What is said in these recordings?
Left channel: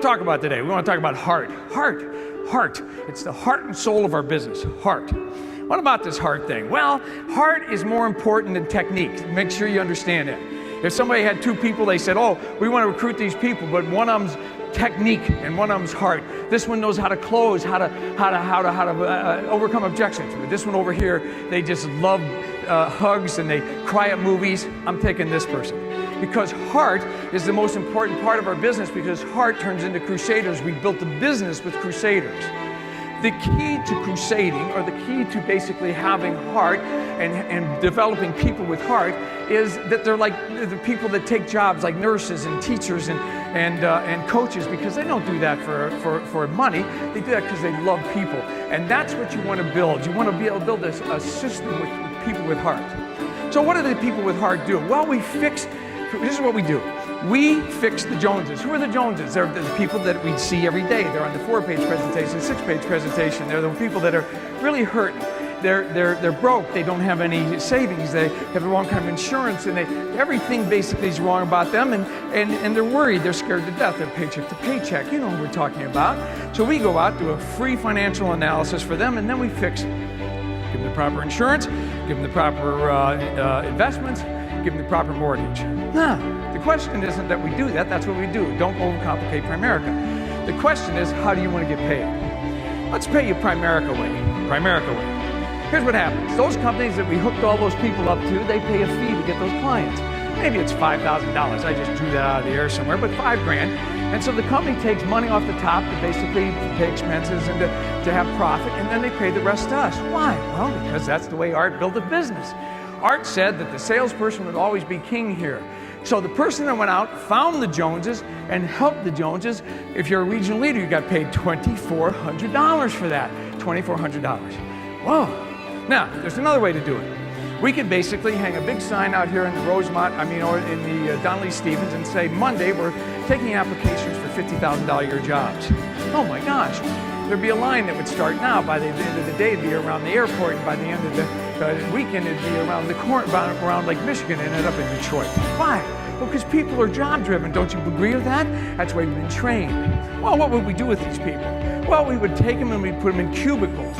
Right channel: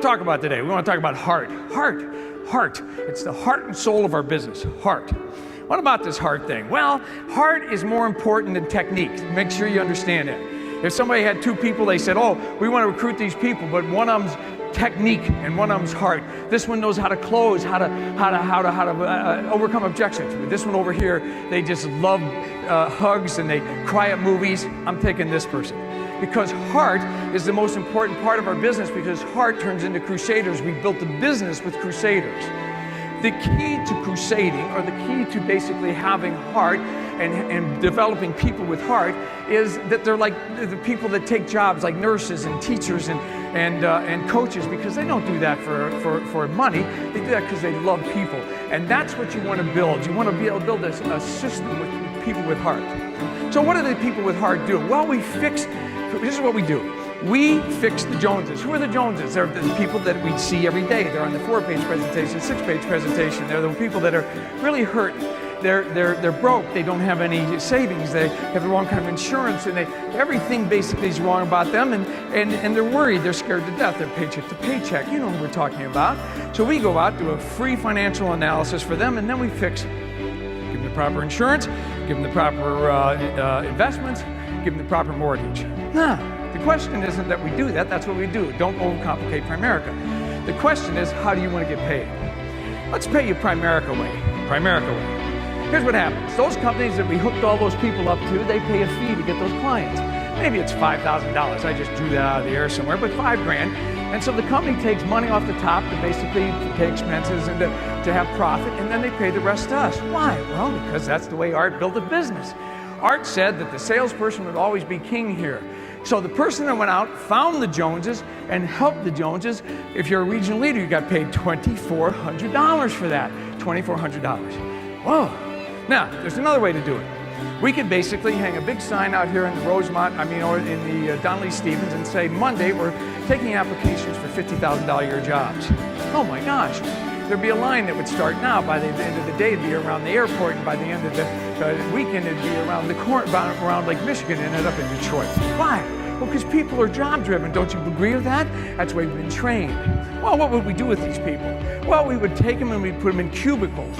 want to talk about today? We want to talk about heart. Heart. It's the heart and soul of our business. Heart. What about this heart thing? Well, heart is more important than technique. Make sure you understand that. If somebody had two people, they said, oh, we want to recruit these people, but one of them's technique and one of them's heart. This one knows how to close, how to overcome objections. But this one over here, they just love hugs and they cry at movies. I'm taking this person. Because heart is the most important part of our business, because heart turns into crusaders. We built the business with crusaders. The key to crusading, or the key to basically having heart and developing people with heart, is that they're like the people that take jobs like nurses and teachers and coaches, because they don't do that for money. They do that because they love people. And that's what you want to build. You want to be able to build a system with people with heart. So what do the people with heart do? Well, this is what we do. We fix the Joneses. Who are the Joneses? They're the people that we see every day. They're on the 4-page presentation, 6-page presentation. They're the people that are really hurting. They're broke. They don't have any savings. They have the wrong kind of insurance, and everything basically is wrong about them, and they're worried. They're scared to death. They're paycheck to paycheck. You know what we're talking about. So we go out, do a free financial analysis for them, and then we fix. Give them the proper insurance, give them the proper investments, give them the proper mortgage. Now, the question isn't that we do that. That's what we do. Don't overcomplicate Primerica. The question is, how do you want to get paid? Let's pay you Primerica way. Primerica way. Here's what happens. Those companies that we hooked all those people up to, they pay a fee to get those clients. Maybe it's $5,000. I just drew that out of the air somewhere, but $5,000. And so the company takes money off the top to basically pay expenses and to have profit, and then they pay the rest to us. Why? Well, because that's the way Art built a business. Art said that the salesperson would always be king here. So the person that went out, found the Joneses, and helped the Joneses, if you're a regional leader, you got paid $2,400 for that. $2,400. Whoa. Now, there's another way to do it. We could basically hang a big sign out here in the or in the Donnelly Stevens, and say, Monday, we're taking applications for $50,000 a year jobs. Oh my gosh. There'd be a line that would start now. By the end of the day, it'd be around the airport, and by the end of the weekend, it'd be around around Lake Michigan and end up in Detroit. Why? Well, because people are job-driven. Don't you agree with that? That's why we've been trained. Well, what would we do with these people? Well, we would take them and we'd put them in cubicles.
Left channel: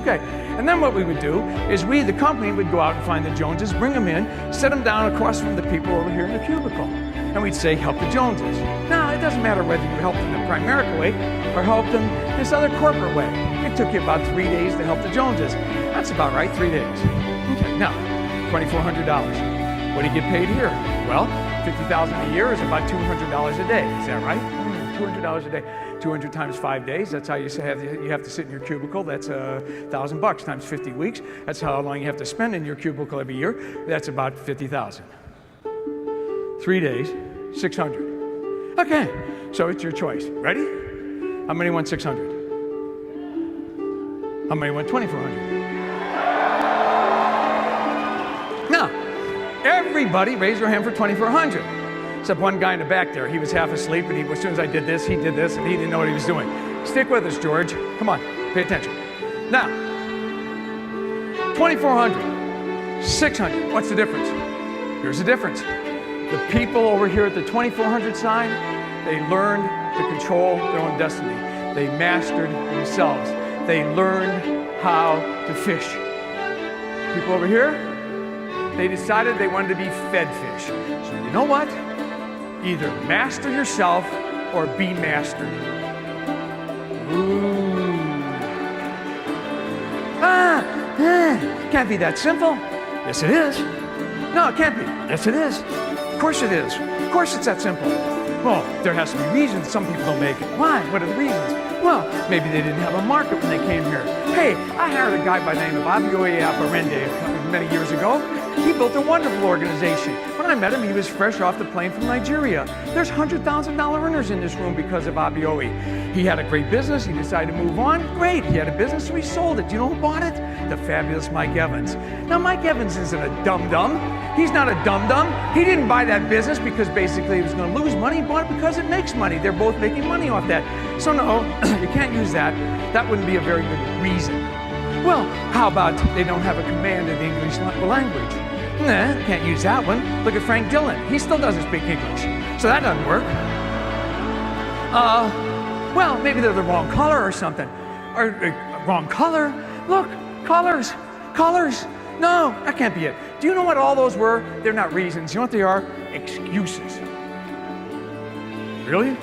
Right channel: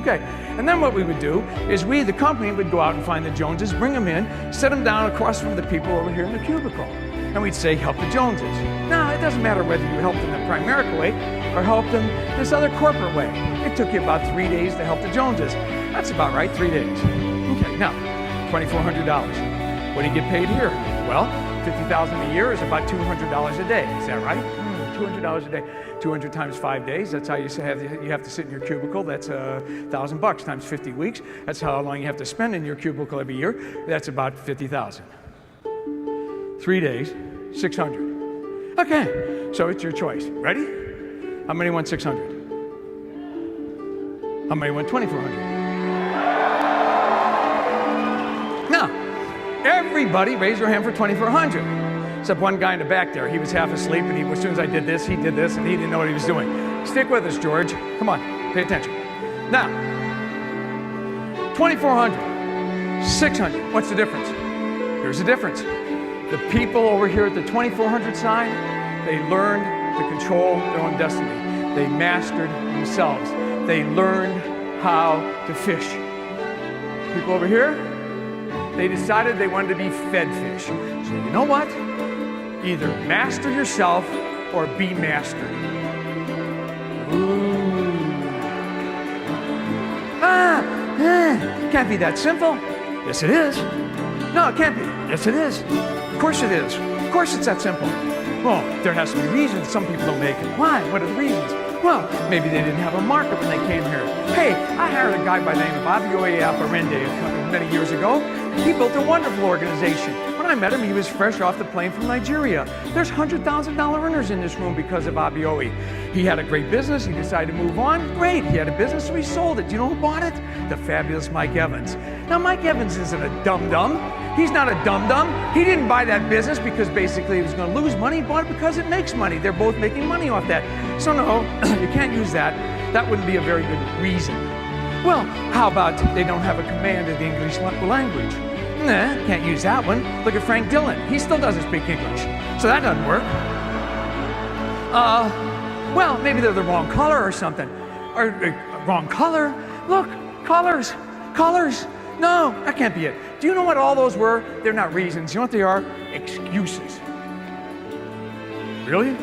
Okay, and then what we would do is the company would go out and find the Joneses, bring them in, set them down across from the people over here in the cubicle. And we'd say, help the Joneses. Now, it doesn't matter whether you helped them the Primerica way or helped them this other corporate way. It took you about 3 days to help the Joneses. That's about right, 3 days. Okay, now, $2,400. What do you get paid here? Well, $50,000 a year is about $200 a day. Is that right? $200 a day. 200 times 5 days. That's how you have to sit in your cubicle. That's $1,000 times 50 weeks. That's how long you have to spend in your cubicle every year. That's about $50,000. 3 days, $600. Okay, so it's your choice. Ready? How many want $600? How many want $2,400? Now, everybody raise your hand for $2,400. Except one guy in the back there. He was half asleep, and as soon as I did this, he did this, and he didn't know what he was doing. Stick with us, George. Come on, pay attention. Now, $2,400, $600. What's the difference? Here's the difference. The people over here at the $2,400 side, they learned to control their own destiny. They mastered themselves. They learned how to fish. People over here, they decided they wanted to be fed fish. So you know what? Either master yourself or be mastered. Ooh. Can't be that simple. Yes, it is. No, it can't be. Yes, it is. Of course it is. Of course it's that simple. Well, there has to be reasons some people don't make it. Why? What are the reasons? Well, maybe they didn't have a market when they came here. Hey, I hired a guy by the name of Abioye Aparende many years ago. He built a wonderful organization. When I met him, he was fresh off the plane from Nigeria. There's $100,000 earners in this room because of Abioye. He had a great business. He decided to move on. Great. He had a business, so he sold it. Do you know who bought it? The fabulous Mike Evans. Now, Mike Evans isn't a dum-dum. He's not a dum-dum. He didn't buy that business because basically he was going to lose money. He bought it because it makes money. They're both making money off that. So no, you can't use that. That wouldn't be a very good reason. Well, how about they don't have a command of the English language? Nah, can't use that one. Look at Frank Dillon. He still doesn't speak English. So that doesn't work. Well, maybe they're the wrong color or something. Or wrong color? Look, colors. No, that can't be it. Do you know what all those were? They're not reasons. You know what they are? Excuses. Really?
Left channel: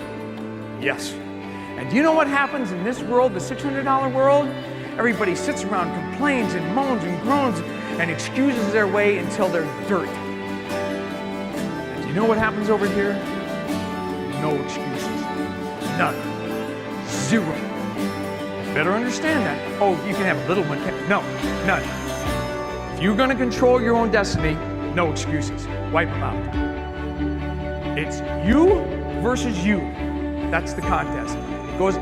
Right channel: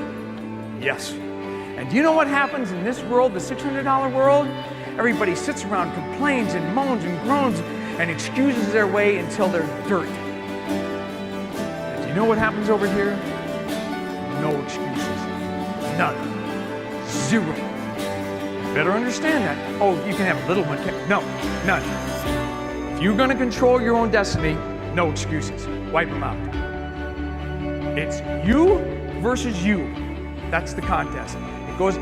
Yes. And do you know what happens in this world, the $600 world? Everybody sits around, complains and moans and groans and excuses their way until they're dirt. And do you know what happens over here? No excuses. None. Zero. Better understand that. Oh, you can have a little one. No, none. If you're going to control your own destiny, no excuses. Wipe them out. It's you versus you. That's the contest.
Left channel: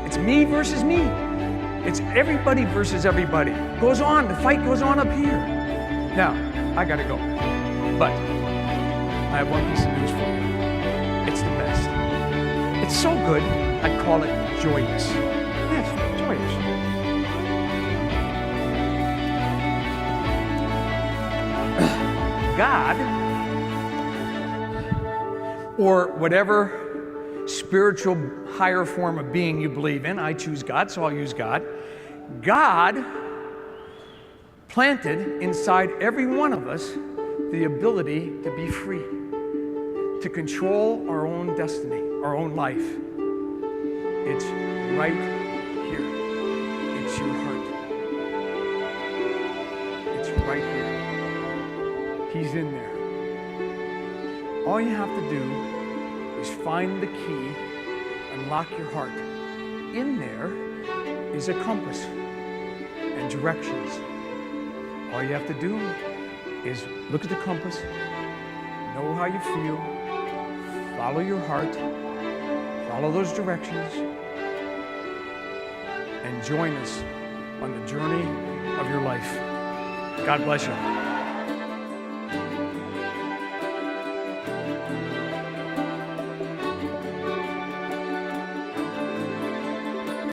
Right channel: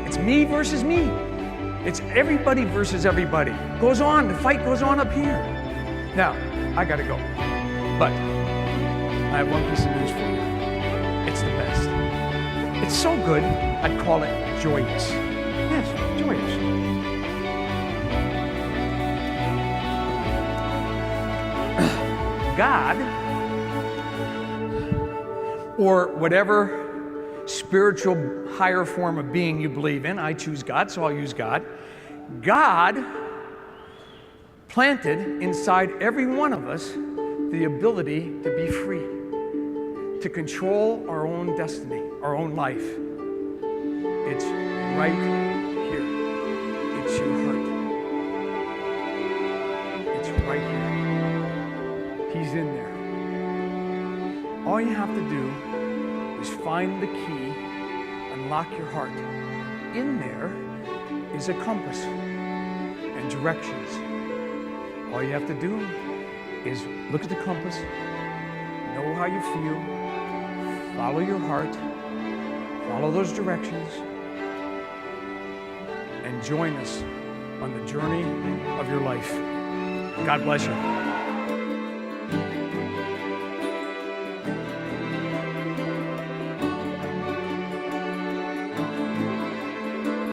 It's me versus me. It's everybody versus everybody. It goes on. The fight goes on up here. Now, I got to go. But I have one piece of news for you. It's the best. It's so good, I'd call it joyous. Yes, joyous. God, or whatever spiritual higher form of being you believe in, I choose God, so I'll use God. God planted inside every one of us the ability to be free, to control our own destiny, our own life. It's right here. It's your heart. It's right here. He's in there. All you have to do is find the key, unlock your heart. In there is a compass and directions. All you have to do is look at the compass, know how you feel, follow your heart, follow those directions, and join us on the journey of your life. God bless you.